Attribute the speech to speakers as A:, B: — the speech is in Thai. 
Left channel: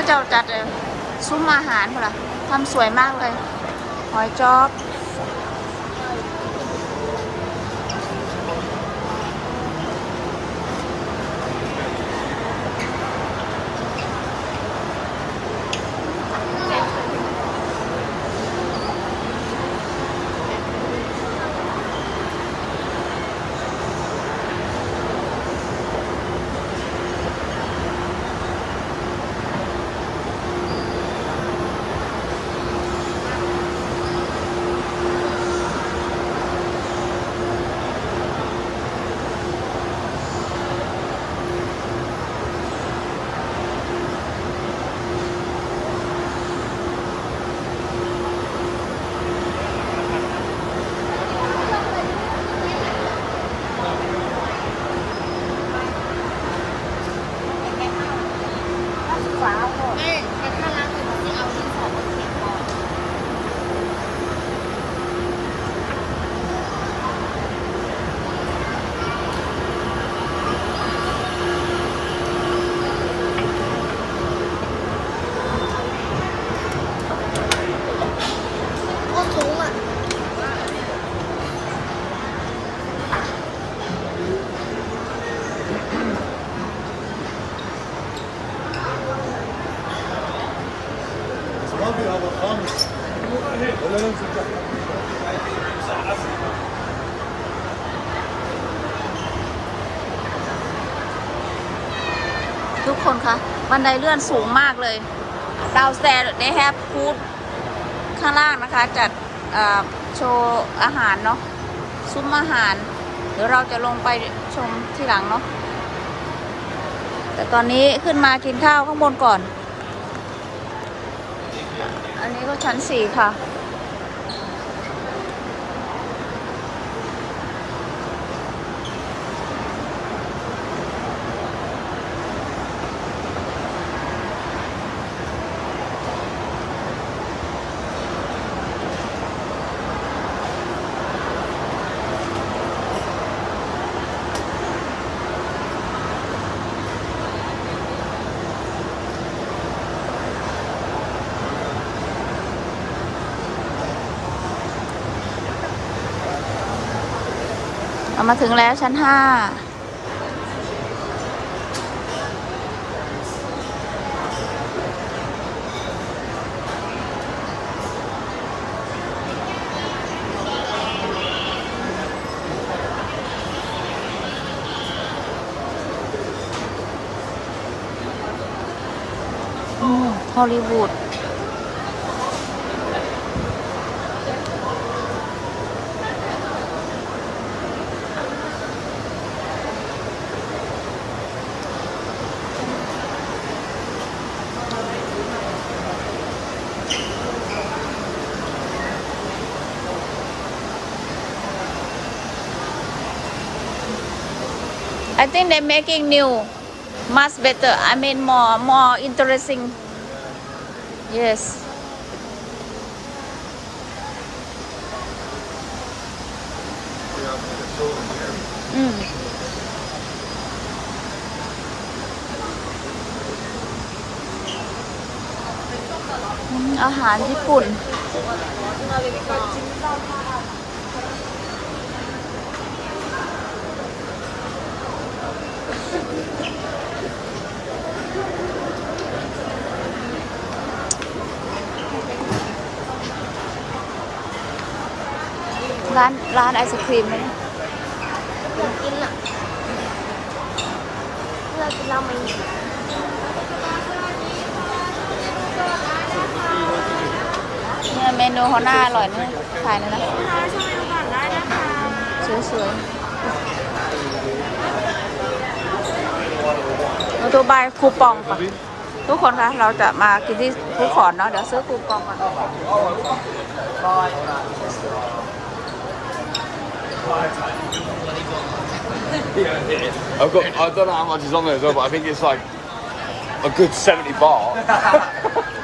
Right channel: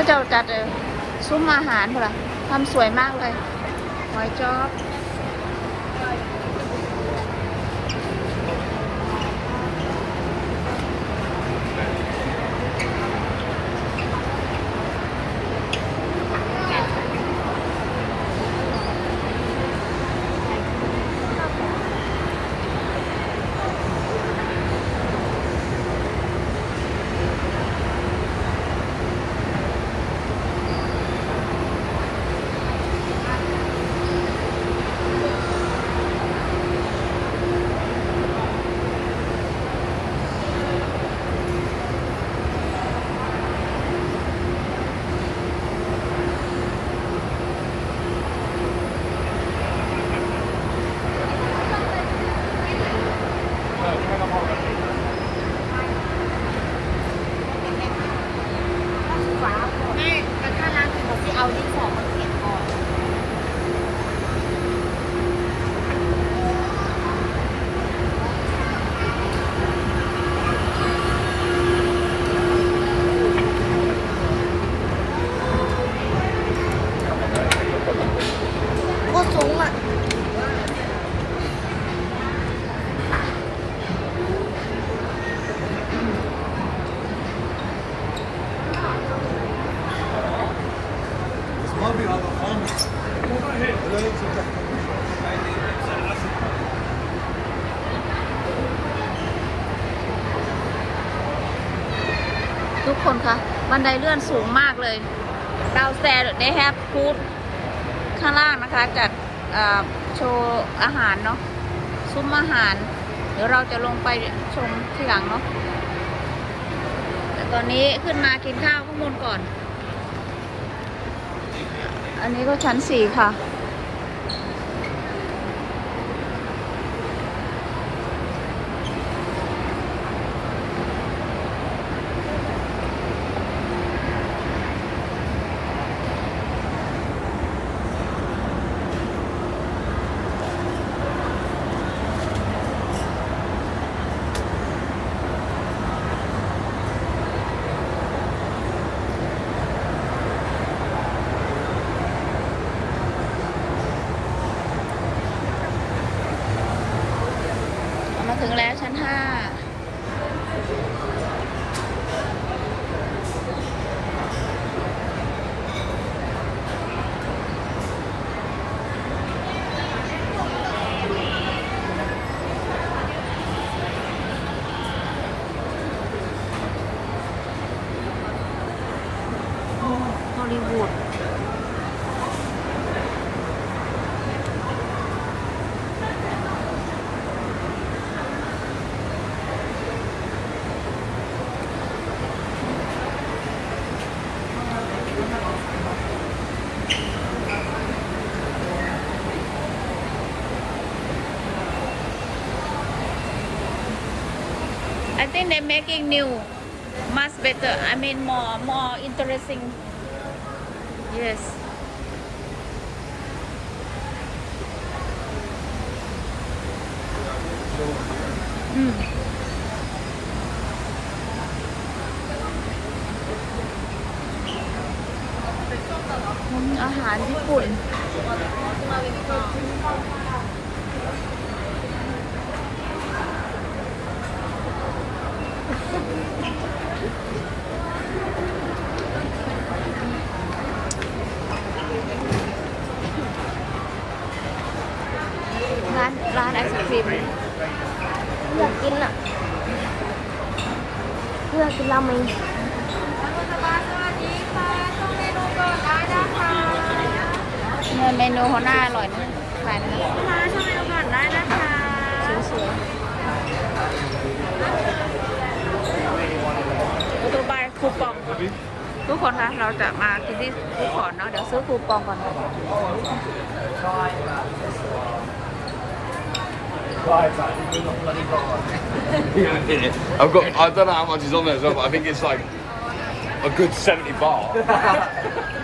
A: ก็จะจัดซุ้มอาหารเปล่าทำสวยมากเลย หอยจอบ Thank you. ทุกคนคะบันไดเลื่อนสูงมากเลย downstairs they have food ข้างล่างนะคะ จัดโชว์อาหารเนาะซุ้มอาหาร เดี๋ยวเราจะลงไปชมที่หลังเนาะแต่ตอนนี้ขึ้นมากินข้าวข้างบนก่อน อันนี้ก็ชั้นสี่ค่ะ มาถึงแล้วชั้นห้าฮอลลีวูด I think they're making new, much better. I mean more, more interesting. Yes. อืม อืมอาหารญี่ปุ่น ร้านร้านไอศครีมไหม
B: กินอะเพื่อนกินราเมง
A: เนี่ยเมนูเขาหน้าอร่อยนะถ่ายเลยนะ
B: ลูกค้าช่วยดูก่อนได้นะคะ
A: สวยๆมาดูใบคูปองปะทุกคนคะเราจะมากินที่ฟูดคอร์ทเนาะเดี๋ยวซื้อคูปองก่อน
C: I've got. I don't know how much is on there as well, but I think it's like a good seventy bar.